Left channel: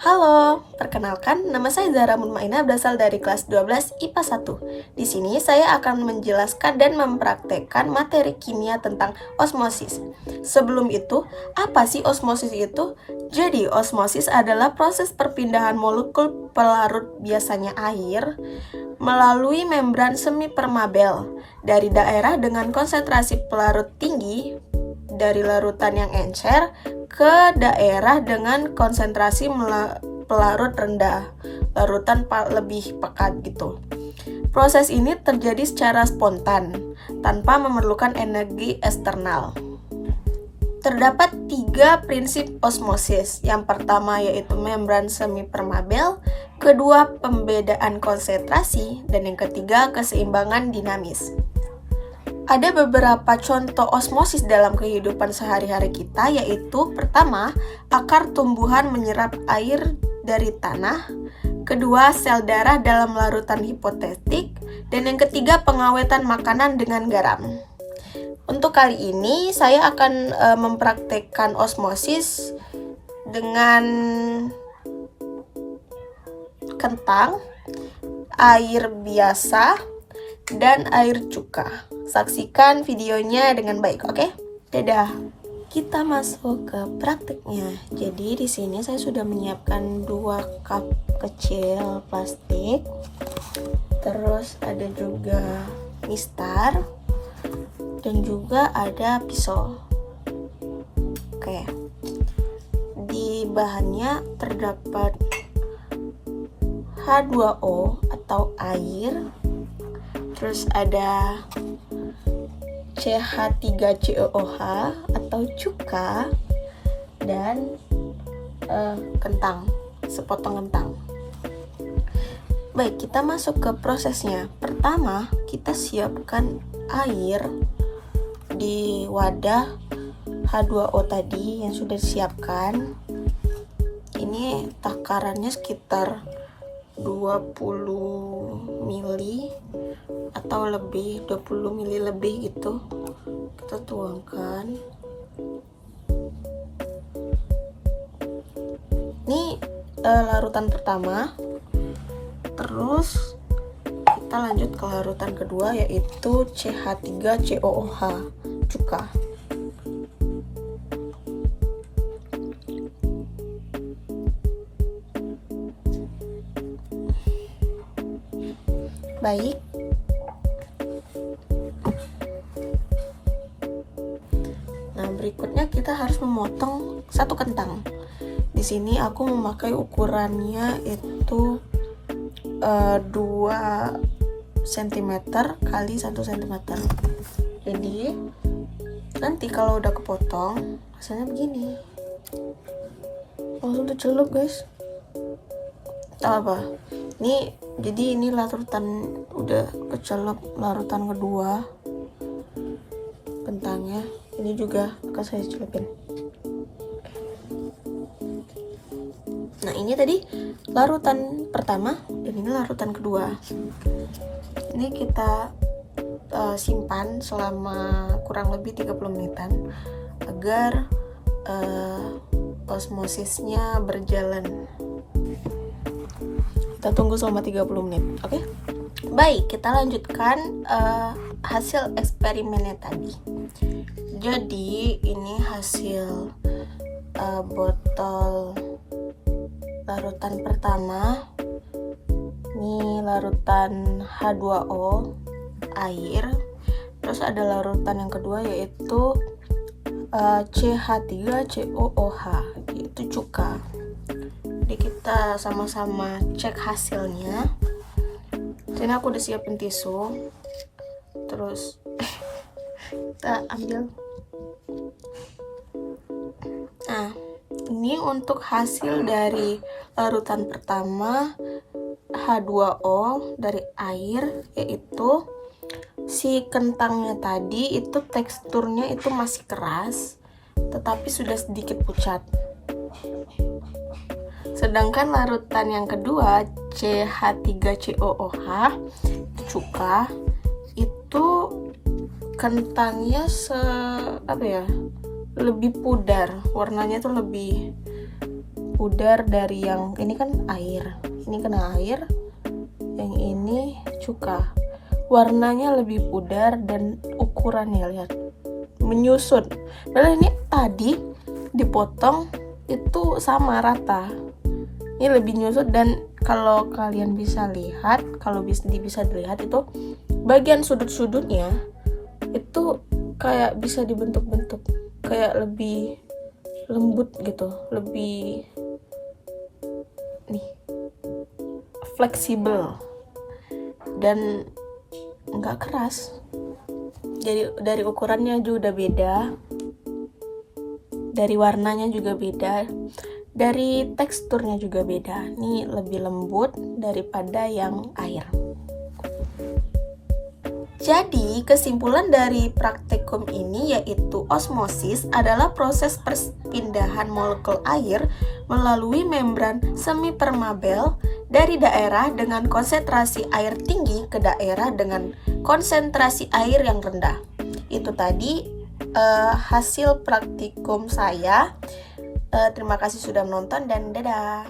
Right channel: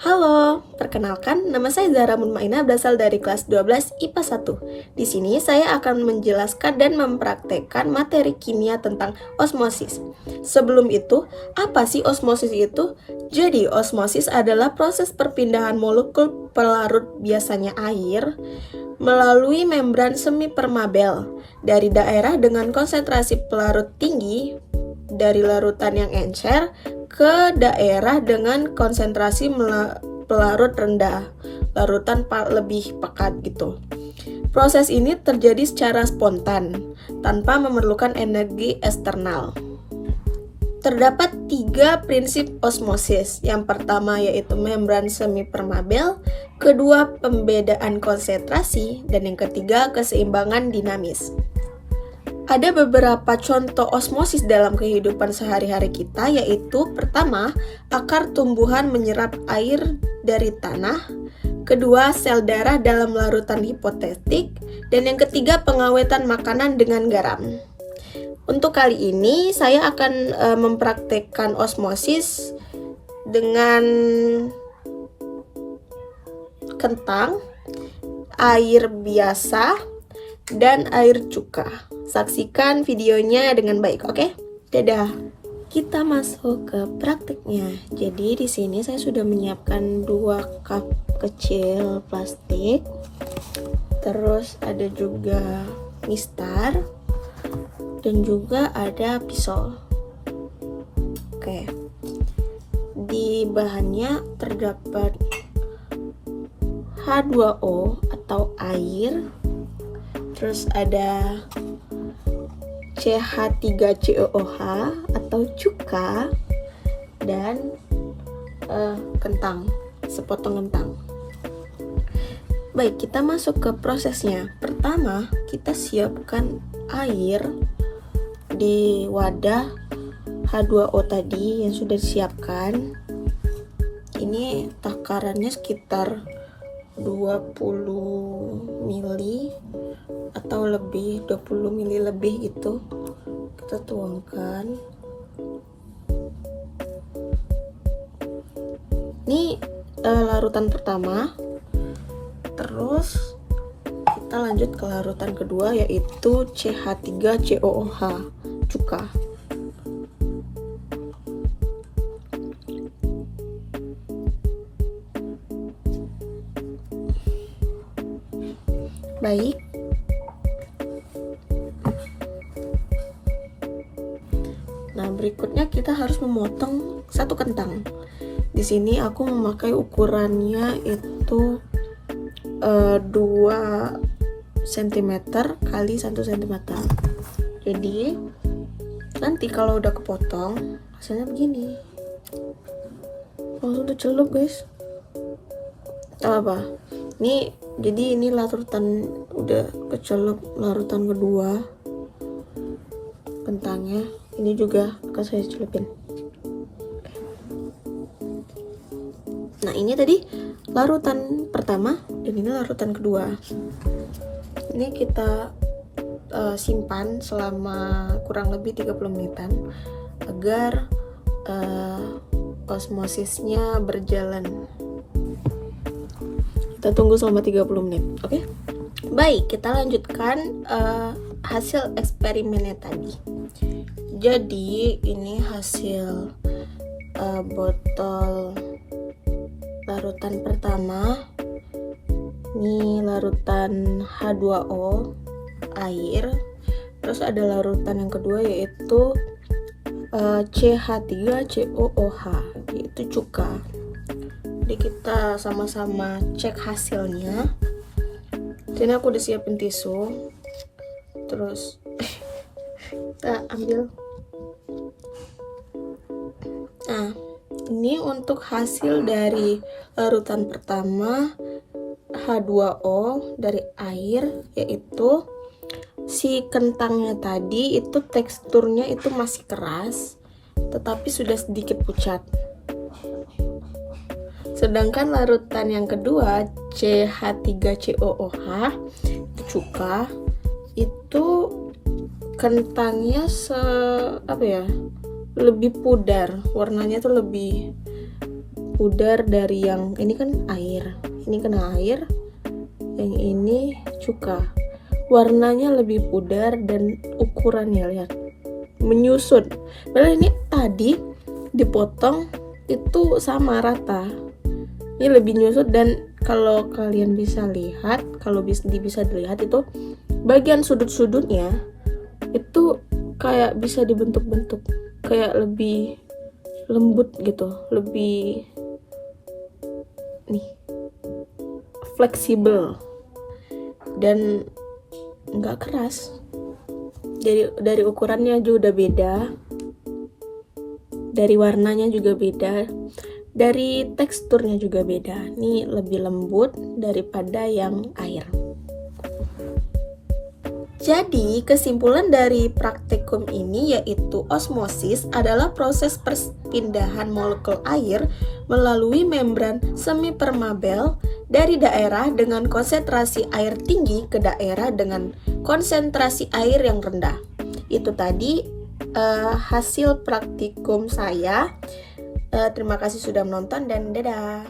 Halo, perkenalkan nama saya Zahra Mutmainah berasal dari kelas 12 IPA 1. Di sini saya akan menjelaskan dan mempraktekkan materi kimia tentang osmosis. Sebelum itu, apa sih osmosis itu? Jadi, osmosis adalah proses perpindahan molekul pelarut biasanya air melalui membran semipermeabel dari daerah dengan konsentrasi pelarut tinggi dari larutan yang encer ke daerah dengan konsentrasi pelarut rendah, larutan lebih pekat gitu. Proses ini terjadi secara spontan, tanpa memerlukan energi eksternal. Terdapat 3 prinsip osmosis. Yang pertama yaitu membran semipermeabel, kedua pembedaan konsentrasi, dan yang ketiga keseimbangan dinamis. Ada beberapa contoh osmosis dalam kehidupan sehari-hari kita, yaitu pertama, akar tumbuhan menyerap air dari tanah, kedua, sel darah dalam larutan hipotetik, dan yang ketiga, pengawetan makanan dengan garam. Untuk kali ini, saya akan mempraktekkan osmosis dengan kentang, air biasa, dan air cuka. Saksikan videonya dengan baik, oke? Dadah. Kita masuk ke praktiknya. Jadi di sini saya sudah menyiapkan 2 cup kecil plastik. Terus ada juga mistar dan juga ada pisau. Oke. Di bahannya terdapat H2O atau air. Terus ada CH3COOH atau cuka, dan kentang, sepotong kentang. Baik, kita masuk ke prosesnya. Pertama, kita siapkan air di wadah H2O tadi yang sudah disiapkan. Ini takarannya sekitar 20 ml atau lebih, 20 ml lebih gitu. Kita tuangkan. Ini larutan pertama. Terus kita lanjut ke larutan kedua, yaitu CH3COOH, cuka. Baik. Nah, berikutnya kita harus memotong 1 kentang. Di sini aku memakai ukurannya itu 2 cm kali 1 cm. Jadi nanti kalau udah kepotong rasanya begini. Langsung dicelup, guys. Apa? Jadi ini larutan udah kecelup, larutan kedua kentangnya. Ini juga akan saya celupin. Nah, ini tadi larutan pertama dan ini larutan kedua. Ini kita simpan selama kurang lebih 30 menitan agar osmosisnya berjalan. Kita tunggu selama 30 menit, oke? Baik, kita lanjutkan hasil eksperimennya tadi. Jadi ini hasil botol larutan pertama. Ini larutan H2O, air. Terus ada larutan yang kedua yaitu CH3COOH, yaitu cuka. Jadi kita sama-sama cek hasilnya. Jadi aku udah siapin tisu. Terus kita ambil. Nah, ini untuk hasil dari larutan pertama H2O dari air, yaitu si kentangnya tadi itu teksturnya itu masih keras, tetapi sudah sedikit pucat. Sedangkan larutan yang kedua CH3COOH cuka, itu kentangnya lebih pudar, warnanya tuh lebih pudar dari yang ini kan air, ini kena air, yang ini cuka. Warnanya lebih pudar dan ukurannya lihat menyusut. Padahal ini tadi dipotong itu sama rata. Ini lebih nyusut, dan kalau kalian bisa lihat, kalau bisa dilihat itu bagian sudut-sudutnya itu kayak bisa dibentuk-bentuk, kayak lebih lembut gitu, lebih nih fleksibel dan nggak keras. Jadi dari ukurannya juga udah beda, dari warnanya juga beda, dari teksturnya juga beda. Ini lebih lembut daripada yang air. Jadi kesimpulan dari praktikum ini yaitu osmosis adalah proses perpindahan molekul air melalui membran semipermeabel dari daerah dengan konsentrasi air tinggi ke daerah dengan konsentrasi air yang rendah. Itu tadi hasil praktikum saya. Terima kasih sudah menonton dan dadah.